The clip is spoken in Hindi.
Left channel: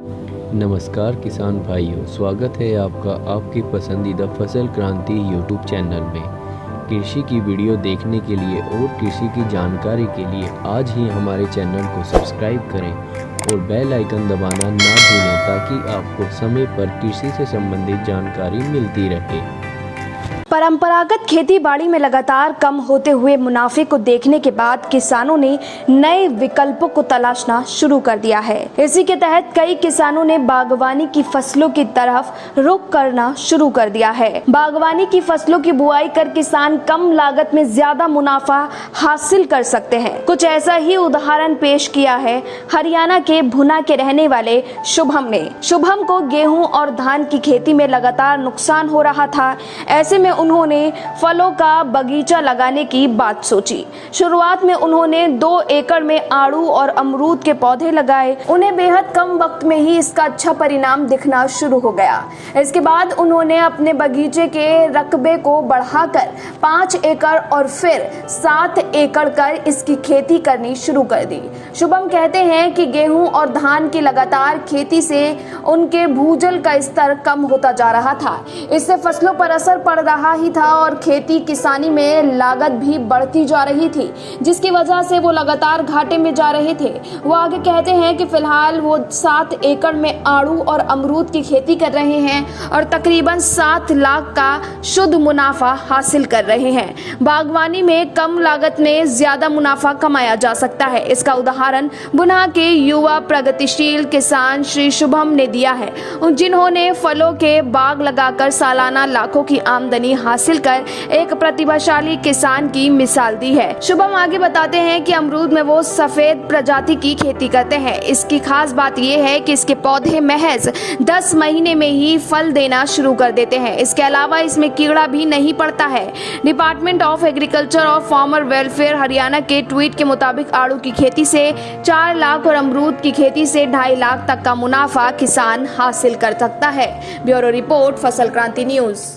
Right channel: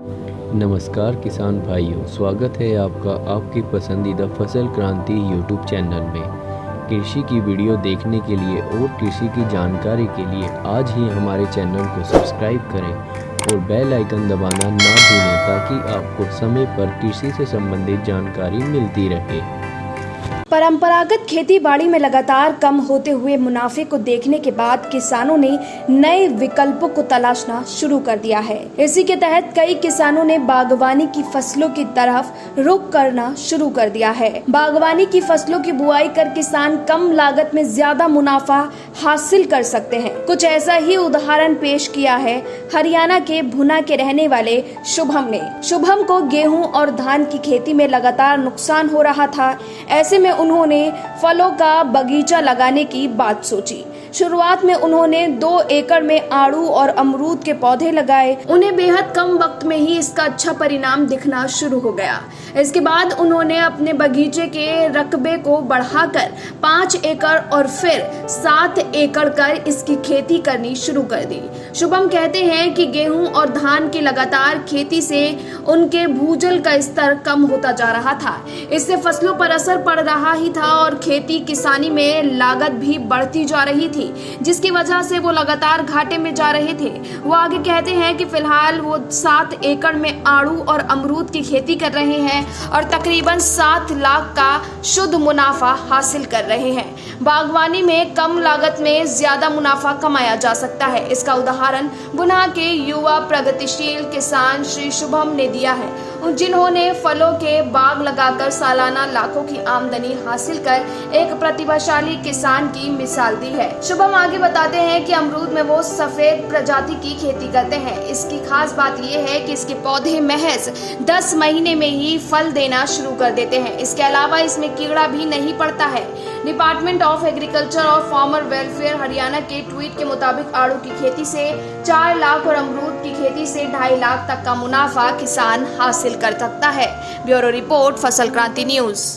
नमस्कार किसान भाइयों, स्वागत है आपका आपकी पसंदीदा फसल क्रांति यूट्यूब चैनल में। कृषि की वीडियो देखने के लिए और कृषि की जानकारी के लिए आज ही हमारे चैनल को सब्सक्राइब करें और बेल आइकन दबाना ना भूलें ताकि आपको समय पर कृषि से संबंधित जानकारी मिलती रहे। परंपरागत खेती बाड़ी में लगातार कम होते हुए मुनाफे को देखने के बाद किसानों ने नए विकल्पों को तलाशना शुरू कर दिया है। इसी के तहत कई किसानों ने बागवानी की फसलों की तरफ रुख करना शुरू कर दिया है। बागवानी की फसलों की बुआई कर किसान कम लागत में ज्यादा मुनाफा हासिल कर सकते हैं। कुछ ऐसा ही उदाहरण पेश किया है हरियाणा के भुना के रहने वाले शुभम ने। शुभम को गेहूं और धान की खेती में लगातार नुकसान हो रहा था। ऐसे में उन्होंने फलों का बगीचा लगाने की बात सोची। शुरुआत में उन्होंने 2 एकड़ में आड़ू और अमरूद के पौधे लगाए। उन्हें बेहद कम वक्त में ही इसका अच्छा परिणाम दिखना शुरू हो गया। इसके बाद उन्होंने अपने बगीचे के रकबे को बढ़ाकर 5 एकड़ और फिर 7 एकड़ कर इसकी खेती करनी शुरू कर दी। शुभम कहते हैं कि गेहूं और धान की लगातार खेती से उनके भूजल का स्तर कम होता जा रहा था। इससे फसलों पर असर पड़ रहा ही था और खेती किसानी में लागत भी बढ़ती जा रही थी, जिसकी वजह से वो लगातार घाटे में जा रहे थे। वो आगे कहते हैं कि फिलहाल वो 7 एकड़ में आड़ू और अमरूद की खेती कर रहे हैं और तकरीबन 7 लाख का शुद्ध मुनाफा हासिल कर रहे हैं। बागवानी में कम लागत में ज्यादा मुनाफा कमाया जा सकता है। इसका उदाहरण भुना के युवा प्रगतिशील किसान श्री शुभम ने दिया है, जिन्होंने फलों के बाग लगाकर सालाना लाखों की आमदनी हासिल कर एक प्रतिभाशाली किसान की मिसाल दी है। शुभम आगे बताते हैं कि अमरूद में वो सफेद प्रजाति की खेती करते हैं। इसकी खास बात यह है कि इसके पौधे महज 10 महीने में ही फल देना शुरू कर देते हैं। इसके अलावा इसमें कीड़ा भी नहीं पड़ता है। डिपार्टमेंट ऑफ एग्रीकल्चर और फार्मर वेलफेयर हरियाणा के ट्वीट के मुताबिक आड़ू की खेती से 4 लाख और अमरूद की खेती से 2.5 लाख तक का मुनाफा किसान हासिल कर सकता है। ब्यूरो रिपोर्ट, फसल क्रांति न्यूज।